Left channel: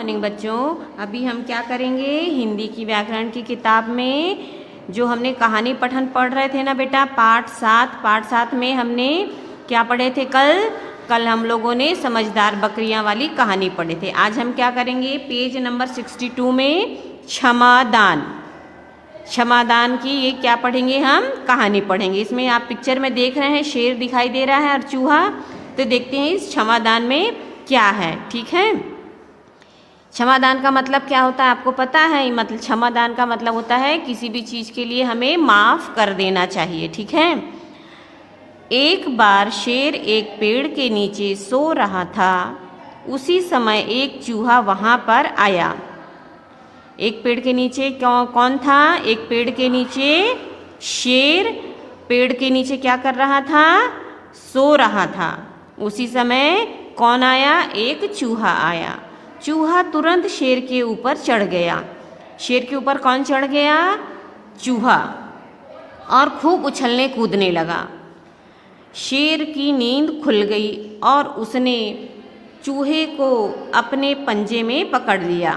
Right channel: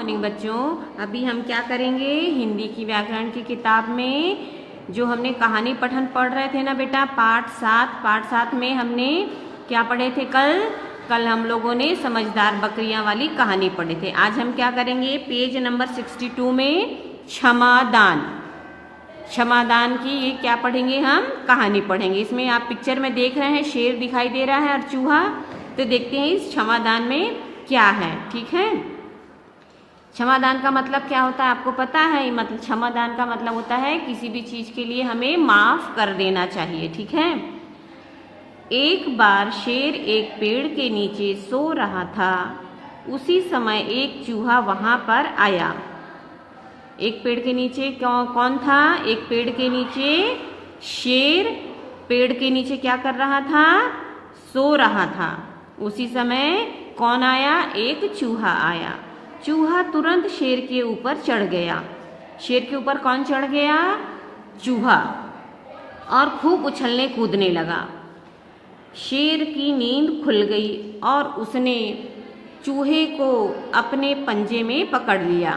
Morning बच्चों। अभी हम क्या करेंगे, हिंदी की व्याकरण की किताब में जो हमने कहानी पठन पढ़ रहे थे ना बेटा, पाठ 7 में हमने क्या पढ़े थे कल हम लोगों ने समझदार बकरियां वाली कहानी पढ़े थे। आज हम क्या करेंगे, पेज नंबर 62 में क्षमादान की ये क्या पढ़ेंगे, हम कहानी पढ़ेंगे। इसमें आप पिक्चर में देख रहे हैं शेर दिखाई दे रहा है और चूहा, तो देखते हैं इस क्षमादान में क्या है। ठीक है, क्षमादान का मतलब क्या होता है आपको पता है? मतलब क्षमादान का मतलब होता है किसी भी चीज़ के लिए हमें माफ़ कर देना चाहिए। ठीक है। एक बार शेर एक पेड़ के नीचे सो रहा था। उसी समय एक चूहा वहाँ पर आया। एक पेड़ के नीचे कौन था? एक पेड़ के नीचे शेर पेड़ के नीचे क्या कर रहा था? सो रहा था। उसी समय कौन आया? एक चूहा आया। चूहा तुरंत शेर के ऊपर चढ़ गया। शेर के ऊपर कौन चढ़ गया? चूहा। और खूब उछलने कूदने लगा। शेर की नींद खुल गई और उसने चूहे को अपने पंजे में पकड़ लिया।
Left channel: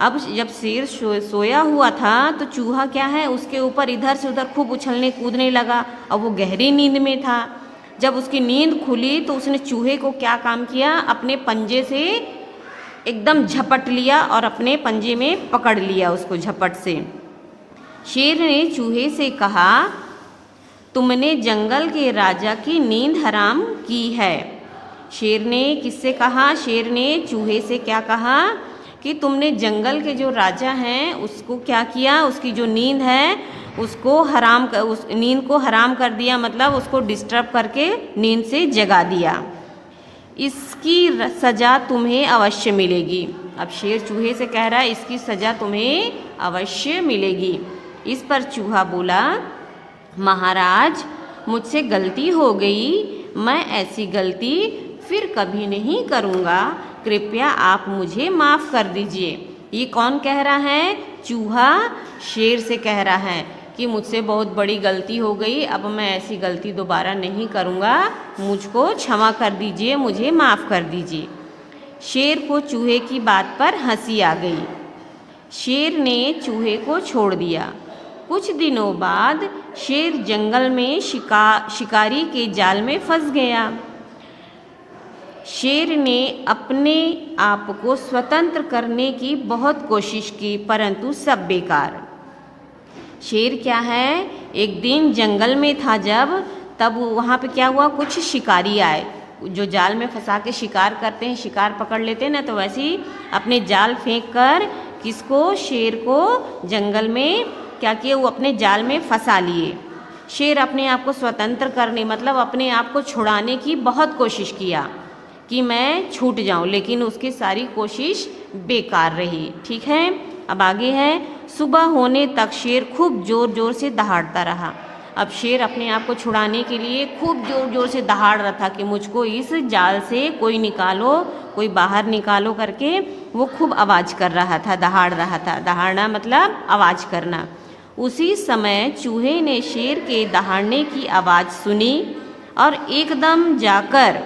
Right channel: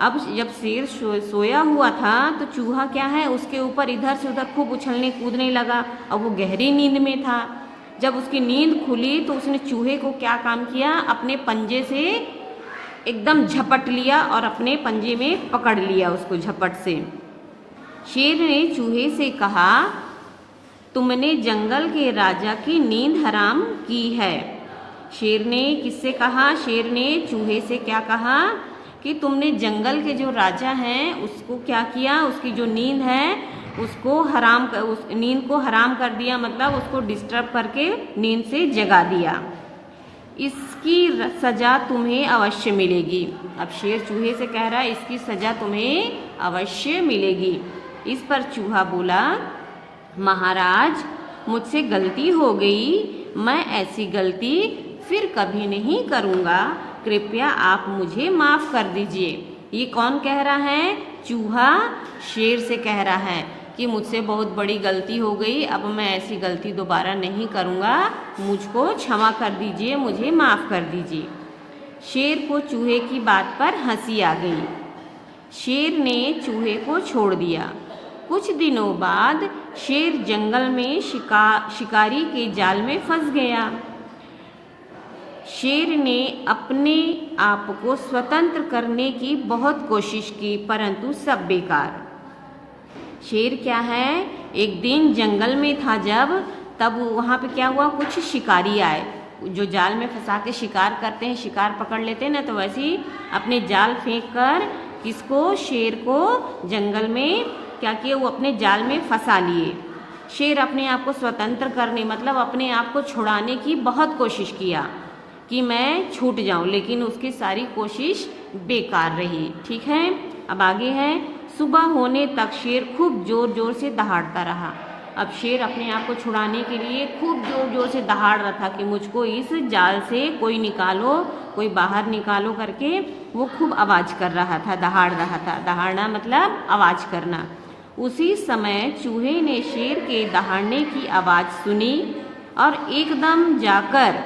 अब जब शेर सोया हुआ था तो चूहा क्या है, उसके ऊपर इधर से उधर खूब उछलने कूदने लगा और वो गहरी नींद में था। जब उसकी नींद खुली तो उसने चूहे को क्या काम किया, अपने पंजे से एकदम झपट लिया और अपने पंजे में पकड़ लिया उसको झपट से। शेर ने चूहे से कहा, तुमने जंगल के राजा की नींद हराम की है। शेर ने किससे कहा? शेर ने चूहे से क्या कहा कि तुमने जंगल के जो राजा हैं उसको क्या किया, उसकी जो नींद है उसको उस नींद को हराम कर दिया, मतलब उसको डिस्टर्ब करके नींद से जगा दिया। इसकी सज़ा तुम्हें अवश्य मिलेगी। अब शेर चूहे से कह रहा है इसकी सज़ा तुम्हें अवश्य मिलेगी। इस पर चूहा बोला, महाराज मुझसे गलती हो गई, मैं ऐसी गलती फिर कभी नहीं करूँगा, कृपया आप मुझे माफ़ कर दीजिए। ये कौन कह रहा है? चूहा शेर से कह रहा है कि मुझसे बहुत बड़ी गलती हो गई, अब मैं ऐसी गलती दोबारा नहीं करूँगा, मुझको क्षमा कर दीजिए, मुझे माफ़ कर दीजिए। शेर को चूहे की बात पर हंसी आ गई। शेर ने चूहे को छोड़ दिया। कुछ दिनों बाद शेर जंगल में शिकारी के जाल में फंस गया। शेर ने अपने आप को स्वतंत्र करने की बहुत कोशिश की, परंतु सब बेकार। शेर क्या है, एक दिन जंगल में था तब वहाँ पे क्या हुआ, कुछ शिकारी आए जो जाल में फंसा के शिकार करते हैं, शिकार पकड़ लेते हैं ना, तो वैसे ही अपने जाल फेंक कर किसको, शेर को जंगल में क्या किए, वो अपने जाल में फंसा लिए। शेर अपने आप को स्वतंत्र करने, मतलब अपने आप को छुड़ाने की बहुत कोशिश किया कि मैं छूट जाऊं, लेकिन उसकी सारी कोशिश बेकार रही। ठीक है, अब आगे है। सुबह होने तक शेर खूब ज़ोर ज़ोर से दहाड़ता रहा। अब शेर अपने आप को छुड़ाने के लिए खूब ज़ोर ज़ोर से दहाड़ रहा था कि मुझको इस जाल से कोई निकालो, कोई बाहर निकालो करके वो खूब आवाज़ कर रहा था, दहाड़ रहा था। दहाड़ना मतलब आवाज़ करना। उसी समय चूहे ने शेर के दहाड़ने की आवाज़ सुनी और एकदम जाकर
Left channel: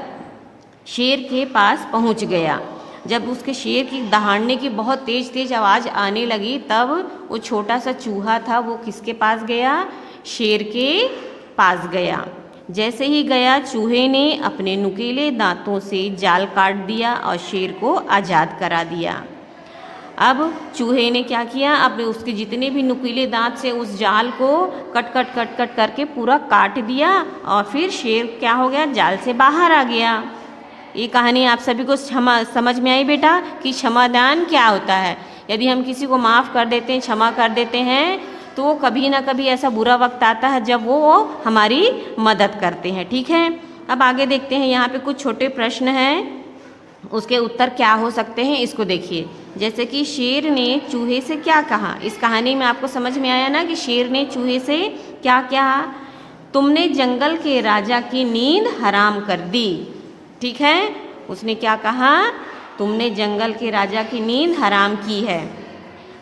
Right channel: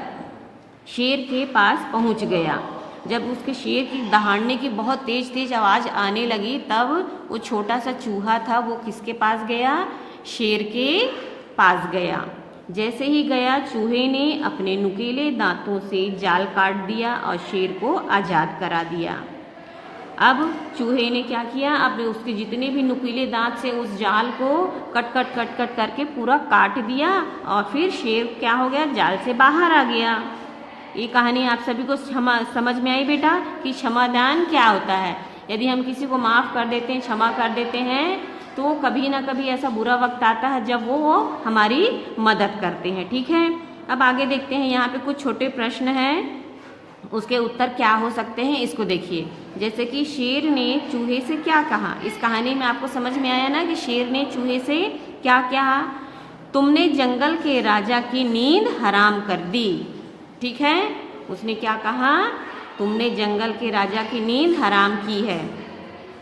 शेर के पास पहुंच गया। जब उसके शेर की दहाड़ने की बहुत तेज तेज आवाज़ आने लगी, तब वो छोटा सा चूहा था, वो किसके पास गया? शेर के पास गया। जैसे ही गया, चूहे ने अपने नुकीले दांतों से जाल काट दिया और शेर को आज़ाद करा दिया। अब चूहे ने क्या किया, अब उसके जितने भी नुकीले दांत से उस जाल को कट कट कट कट करके पूरा काट दिया और फिर शेर क्या हो गया, जाल से बाहर आ गया। ये कहानी आप सभी को समझ में आई बेटा कि क्षमादान क्या होता है। यदि हम किसी को माफ़ कर देते हैं, क्षमा कर देते हैं, तो कभी ना कभी ऐसा बुरा वक्त आता है जब वो हमारी मदद करते हैं। ठीक है, अब आगे देखते हैं। यहाँ पे कुछ छोटे प्रश्न हैं, उसके उत्तर क्या हो सकते हैं, इसको देखिए। जैसे कि शेर ने चूहे से क्या कहा। इस कहानी में आपको समझ में आया ना कि शेर ने चूहे से क्या कहा? तुमने जंगल के राजा की नींद हराम कर दी। ठीक है, उसने क्या कहा? तुमने जंगल के राजा की नींद हराम की है।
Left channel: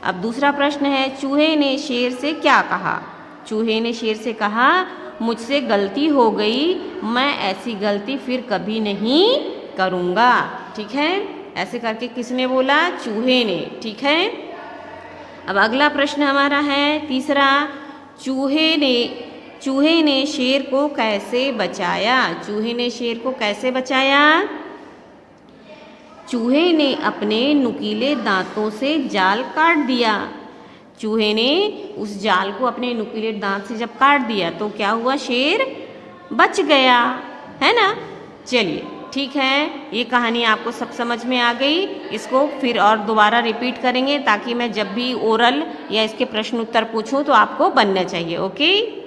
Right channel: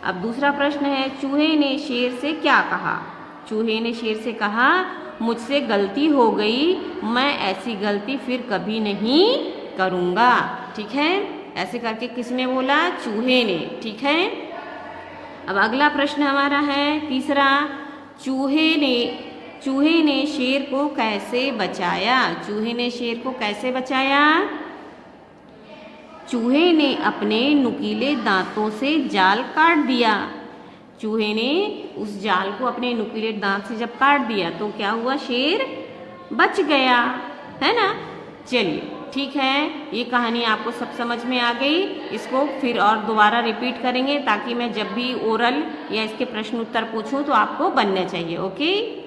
अब दूसरा प्रश्न है, चूहे ने शेर से क्या कहा? चूहे ने शेर से कहा, मुझसे गलती हो गई, मैं ऐसी गलती फिर कभी नहीं करूँगा। ठीक है। ऐसे करके किसने बोला? चूहे ने। ठीक है, अब अगला प्रश्न हमारा है तीसरा, चूहे ने शेर को कैसे बचाया? चूहे ने शेर को कैसे बचाया? चूहे ने अपने नुकीले दांतों से जाल काट दिया। चूहे ने उस जाल को अपने नुकीले दांत से जब काट दिया तो क्या हुआ? शेर बच गया, है ना। चलिए ठीक है, ये कहानी आपको सब समझ में आ गई। इसको फिर और दोबारा रिपीट करेंगे ताकि मैं जब भी ओरल या इसके प्रश्न उत्तर पूछूं तो आपको बनना चाहिए। ओके।